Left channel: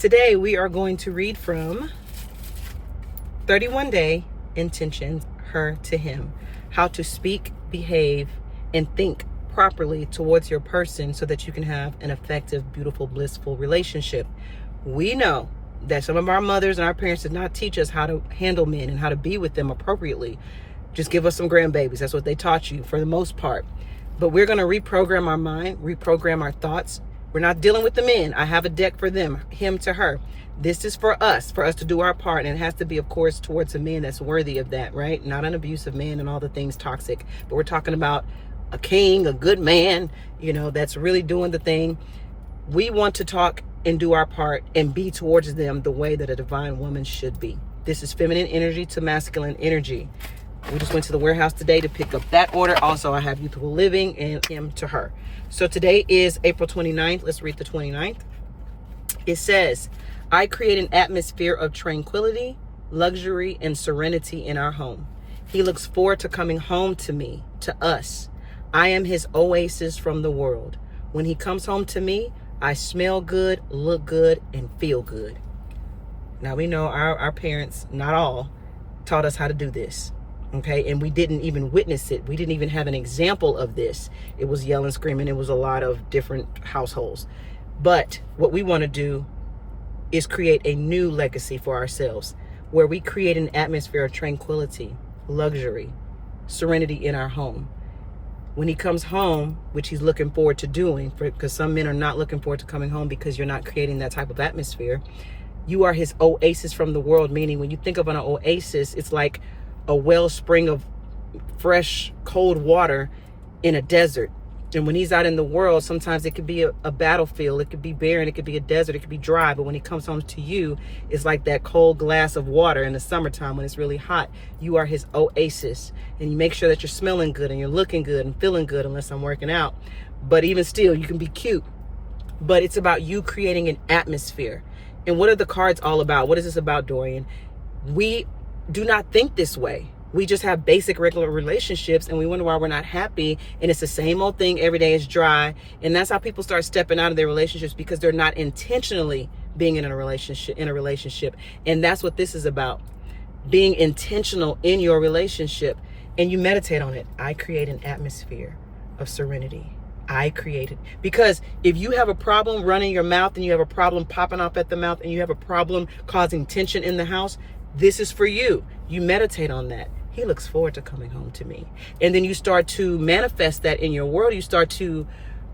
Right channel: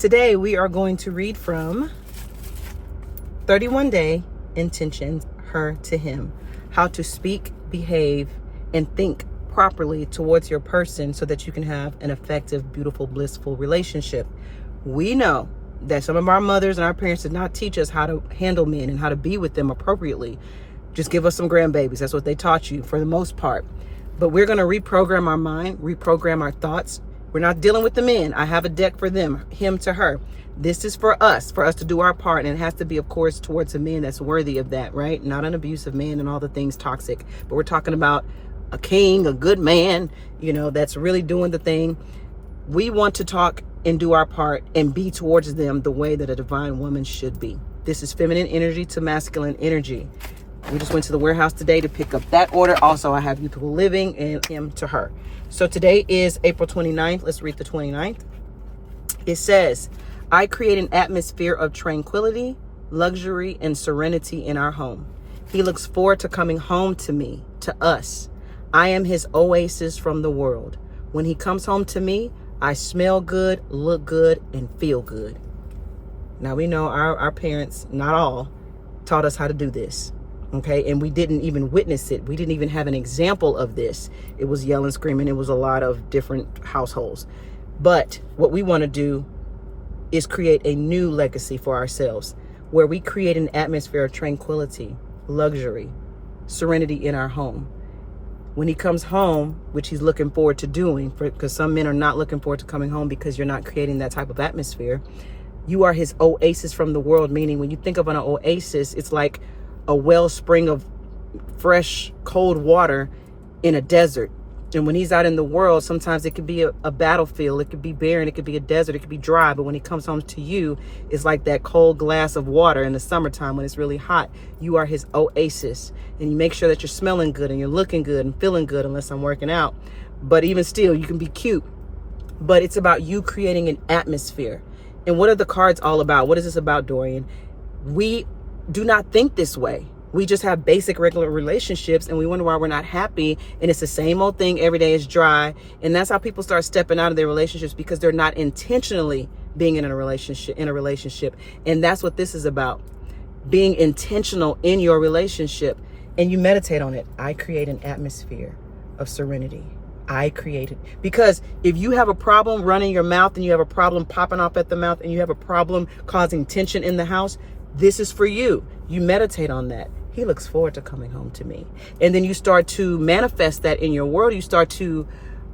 Today we are going to read from 31 Day Intentions, Her to Him. How to speak, behave, and think properly towards your person so that you can have an effective, beautiful, blissful relationship. We know that some of our mothers and our parents did not teach us how to handle men and how to be with them appropriately. Just give us some grandbabies. That's what they taught you for the most part. But we're going to reprogram our mind, reprogram our thoughts. We're not dealing with the men. I have a deck for them, him to her. This is for us to do our part. And it has to be, of course, towards a man that's worthy of that, right? Not an abusive man and all the things toxic. But we're talking about a king, a good man, that's really doing the thing. We want to talk and do our part and be towards them the way that a divine woman should be. This is feminine energy to masculine energy. We just went to the warehouse today to pick up that order. Also, I have youthful living and him to her. So today is April 29th. Let's read the 29th. It says, I create an atmosphere of tranquility, luxury, and serenity in our home. He looks forward to coming home to me, to us. I am his oasis from the world. When he comes home to me, I smell good, look good, and feel good. Now we know our parents, not all, taught us how to do this. Okay, and we didn't even witness it. We didn't even have an example of this. It was yelling, screaming. It was a lot of different households. But what we want to do is create a new legacy for ourselves, where we create an atmosphere of tranquility, luxury, serenity in our home. When he comes home, which he's looking forward to doing, because some men are not looking forward to coming home because you're not creating that type of atmosphere. You are his oasis from the world, meaning when you think of an oasis, it's like a wellspring of fresh, cold water in a desert. And when he's out in the world, sometimes it could be a battlefield. It could be barren. It could be a desert. It could be dry. But when he comes home to you, it's like that cold glass of water in the summertime when it's really hot. You are his oasis. And you make sure that you're smelling good and you're looking good and feeling good, unless I'm working out. But even still, you can be cute. But it's about you creating an atmosphere. And what are the cards all about? What is this about, Dorian? We do not think this way. We just have basic regular relationships and we wonder why we're not happy, and it's the same old thing every day. Is dry. And that's how people start stepping out of their relationships, because they're not intentionally being in a relationship. And that's what this is about, being intentional in your relationship. And you meditate on it. I create an atmosphere of serenity. I create it. Because if you have a problem running your mouth, and you have a problem popping off at the mouth, and you have a problem causing tension in the house, this is for you. You meditate on that. He looks forward to coming home to me. And then you start to manifest that in your world. You start to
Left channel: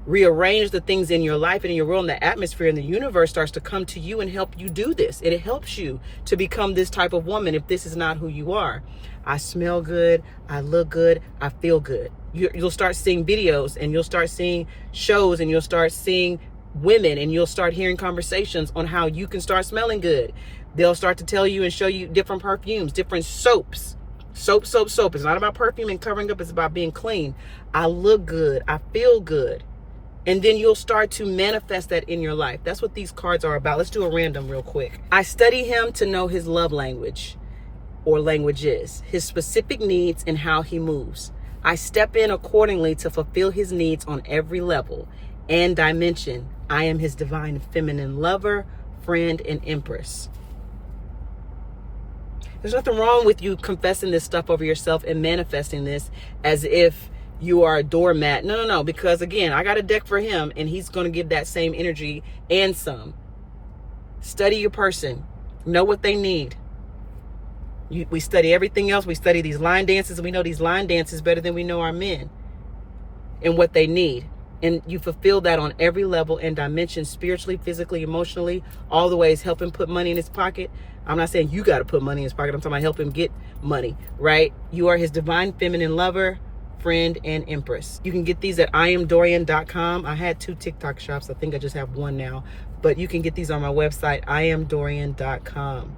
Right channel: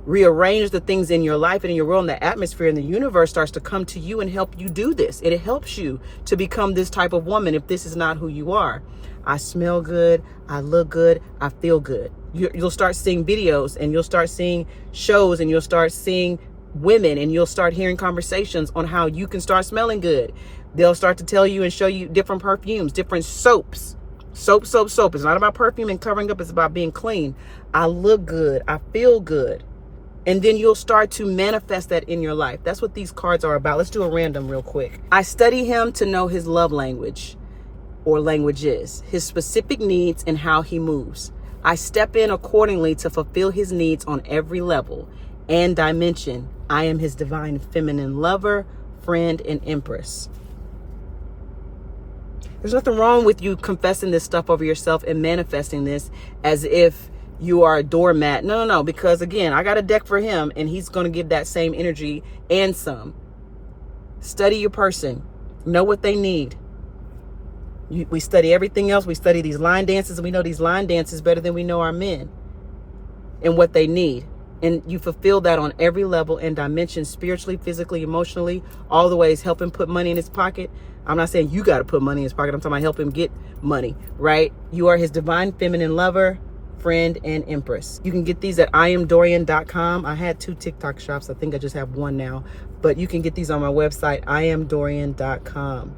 rearrange the things in your life and in your world, and the atmosphere and the universe starts to come to you and help you do this. And it helps you to become this type of woman if this is not who you are. I smell good. I look good. I feel good. You'll start seeing videos, and you'll start seeing shows, and you'll start seeing women, and you'll start hearing conversations on how you can start smelling good. They'll start to tell you and show you different perfumes, different soaps. Soap. It's not about perfume and covering up. It's about being clean. I look good. I feel good. And then you'll start to manifest that in your life. That's what these cards are about. Let's do a random real quick. I study him to know his love language or languages, his specific needs, and how he moves. I step in accordingly to fulfill his needs on every level and dimension. I am his divine feminine lover, friend, and empress. There's nothing wrong with you confessing this stuff over yourself and manifesting this as if you are a doormat. No, because again, I got a deck for him, and he's going to give that same energy and some. Study your person. Know what they need. We study everything else. We study these line dances, and we know these line dances better than we know our men and what they need. And you fulfill that on every level and dimension, spiritually, physically, emotionally, all the ways. Help him put money in his pocket. I'm not saying you got to put money in his pocket. I'm talking about help him get money, right? You are his divine feminine lover, friend, and empress. You can get these at IamDorian.com. I had 2 TikTok shops. I think I just have one now. But you can get these on my website, IamDorian.com.